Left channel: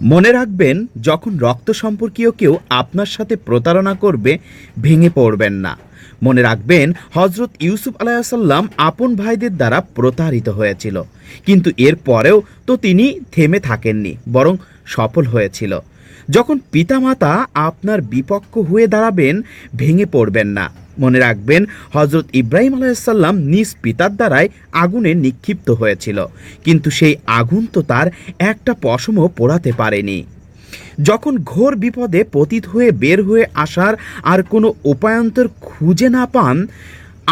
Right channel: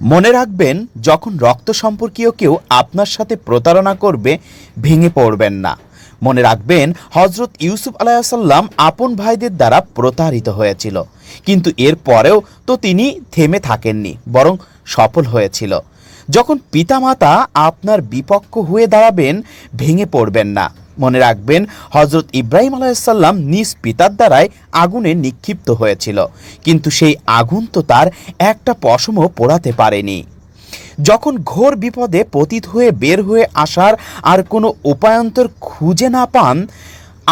মনে রাখবেন, যখন রক্ত সম্পর্কীয় কেউ আপনার সাথে প্রতারণা করবে, ভেঙে পড়বেন না। মনে রাখবেন, হজরত ইউসুফ আলাইসাল্লাম আপন ভাইদের দ্বারা প্রতারিত হয়েছিল, কিন্তু এর পরেও তো তিনি থেমে থাকেননি, বরং সফল হয়েছিল। যখন পিতামাতা আপনার বিপক্ষ হয়ে দাঁড়াবেন, ভেঙে পড়বেন না। মনে রাখবেন, হজরত ইব্রাহিম আলাইসাল্লাম নিজ পিতার দ্বারাই আগুনে নিক্ষিপ্ত হয়েছিল, কিন্তু সেই আগুন তো তার একটা পশমও পোড়াতে পারেনি। যখন ঘোর বিপদে পতিত হয়ে বের হয়ে আসার আর কোনো উপায়ান্তর খুঁজে না পান,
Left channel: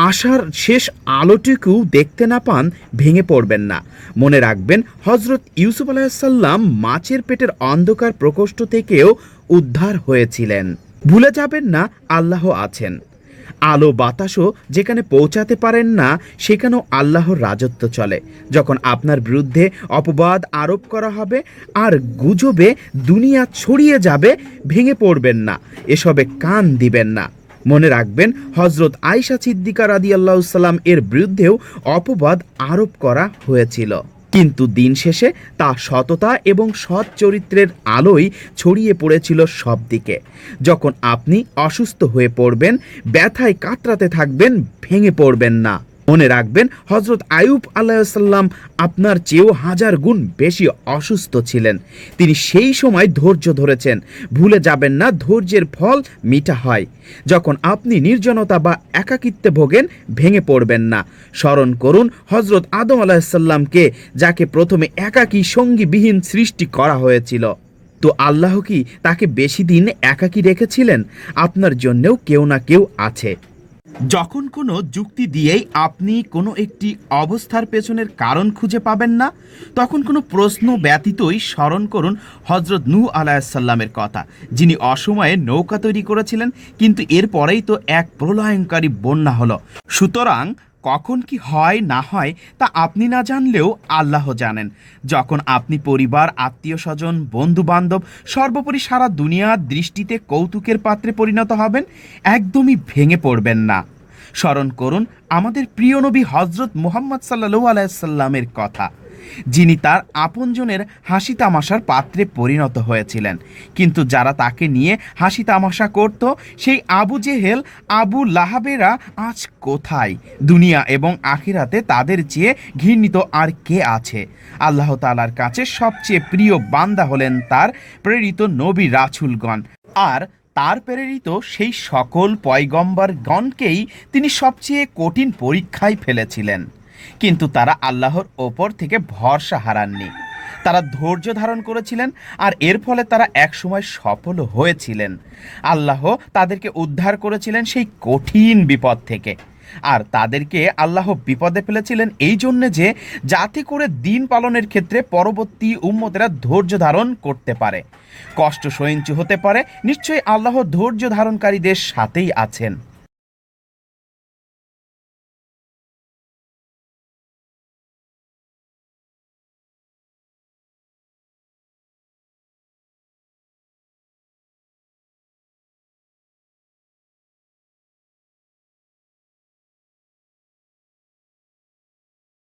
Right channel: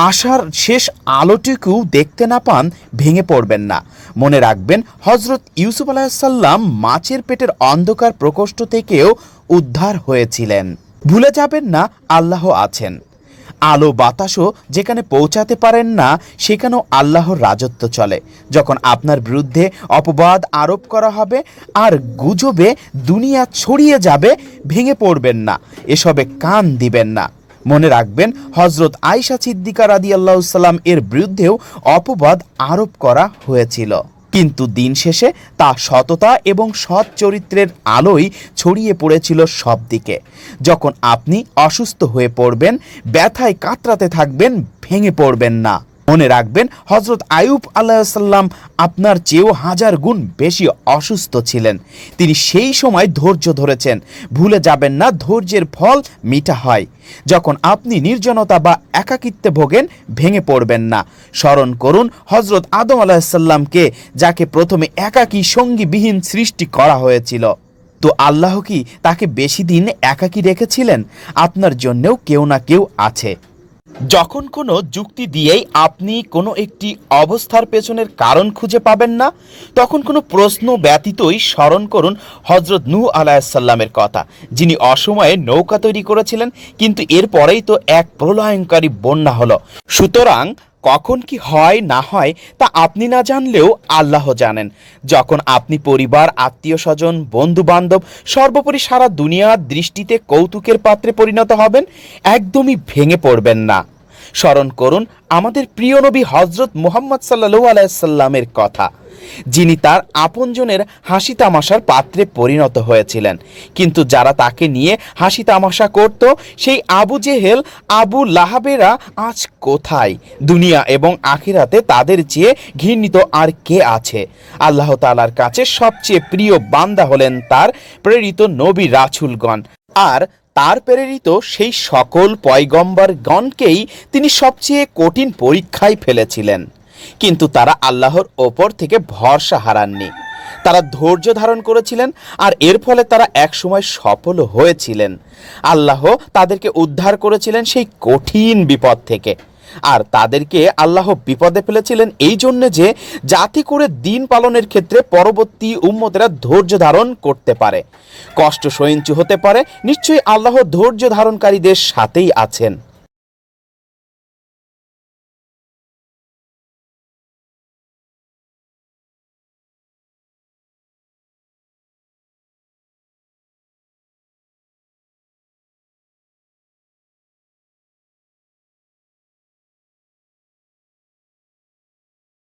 আশার শেষ আলোটিকেও দেখতে না পান, ভেঙে পড়বেন না। মনে রাখবেন, হজরত ইউসুফ আলাইসাল্লাম মাছের পেটের অন্ধকার প্রকোষ্ঠ থেকেও উদ্ধার হয়েছিলেন। ভুলে যাবেন না, আল্লাহ আছেন। আলো বাতাসও যেখানে পৌঁছাতে পারেন না, সেখানেও আল্লাহর রাজত্ব চলে। যখন আপনার বিরুদ্ধে অপবাদ আরোপ করা হবে আর গুজবে দুনিয়া ছড়িয়ে যাবে, ভেঙে পড়বেন না, এসবে কান দিবেন না। মনে রাখবেন, হজরত আয়েশা সিদ্দিকা রাদিয়াল্লাহু সাল্লাম এর বিরুদ্ধেও অপবাদ আরোপ করা হয়েছিল, কিন্তু দিন শেষে তা সততা এবং সৎ চরিত্রের আলোয় ছড়িয়ে পড়েছিল সব দিকে। যখন আপনি অসুস্থ হয়ে পড়বেন, ব্যথায় কাতরাতে থাকবেন, ভেঙে পড়বেন না। মনে রাখবেন, হজরত আয়ুব আলাইসাল্লাম আপনার চেয়েও 1000 গুণ বেশি অসুস্থ ছিলেন। তিনি সেই সময় ধৈর্য ধরেছেন। ভুলে যাবেন না, ধৈর্যের ফল মিঠা হয়। যখন আপনি নির্জনতা বা একাকিত্বে ভোগেন, ভেঙে পড়বেন না। স্মরণ করুন হজরত আদম আলাইসাল্লামকে, যাকে প্রথমে একাকী সঙ্গীবিহীন সৃষ্টি করা হয়েছিল। তো আল্লাহ কি তাকে বেশি দিন একাকী রেখেছিলেন? আপনার জন্যেও কেউ না কেউ আছে। যখন কোনো যুক্তি দিয়েই আপনি কোনো একটি অবস্থার পেছনের কারণ খুঁজে পাবেন না, তখন কোনো প্রশ্ন ব্যতীতই স্মরণ করুন হজরত নূহ আলাইসাল্লামের কথা, যিনি অসময়ে নৌকা তৈরি করেছিলেন, কিন্তু এরপরেই তো এক প্রলয়ঙ্কারী বন্যা হলো। সুতরাং কখন কি হয় না হয় তা আপনি না জানলেও আল্লাহ জানেন। যখন আপনি পরিবার, আত্মীয় স্বজন, বন্ধু বান্ধব, সর্বোপরি সারা দুনিয়ার দৃষ্টিতে কৌতুকের পাত্রে পরিণত হবেন, একদমই ভেঙে পড়বেন না। স্মরণ করুন আমাদের প্রিয় নবী হজরত মুহাম্মদ সাল্লাল্লাহু আলাইহি সাল্লামের কথা, যিনি তার আপনজনের হাসি তামাশার পাত্রে পরিণত হয়েছিলেন, কিন্তু যারা তাকে নিয়ে হাসি তামাশা করত, সেই আবু জেহেল, আবু লাহাবেরা আজ কোথায়? দুনিয়া এবং আখিরাতে তাদের চেয়ে ঘৃণিত আর কে আছে? আল্লাহ তাআলার কাছে সবচেয়ে প্রিয় বান্দা হলেন তার প্রেরিত নবী রাসূলগণ, আর তার প্রেরিত সেই সকল পয়গম্বরগণকেই তিনি সবচেয়ে কঠিন পরীক্ষায় ফেলেছিলেন, কিন্তু তারা আল্লাহর ওপর থেকে ভরসা হারাননি। তারা ধৈর্য ধারণ করেছিলেন, আর এর ফলে তারা একসময় সফল হয়েছিলেন। আল্লাহ তাদেরকে উদ্ধার করেছিলেন সেই কঠিন বিপদ থেকে, আর তাদেরকে আল্লাহ বিপদে ফেলেছিলেন এই জন্যে যে, যাতে করে দিন পালনের ক্ষেত্রে পরবর্তী উম্মতেরা ধৈর্য ধারণ করতে পারে, কষ্ট সহিষ্ণু হতে পারে। নিশ্চয়ই আল্লাহ ধৈর্য ধারণকারীদের সাথেই আছেন।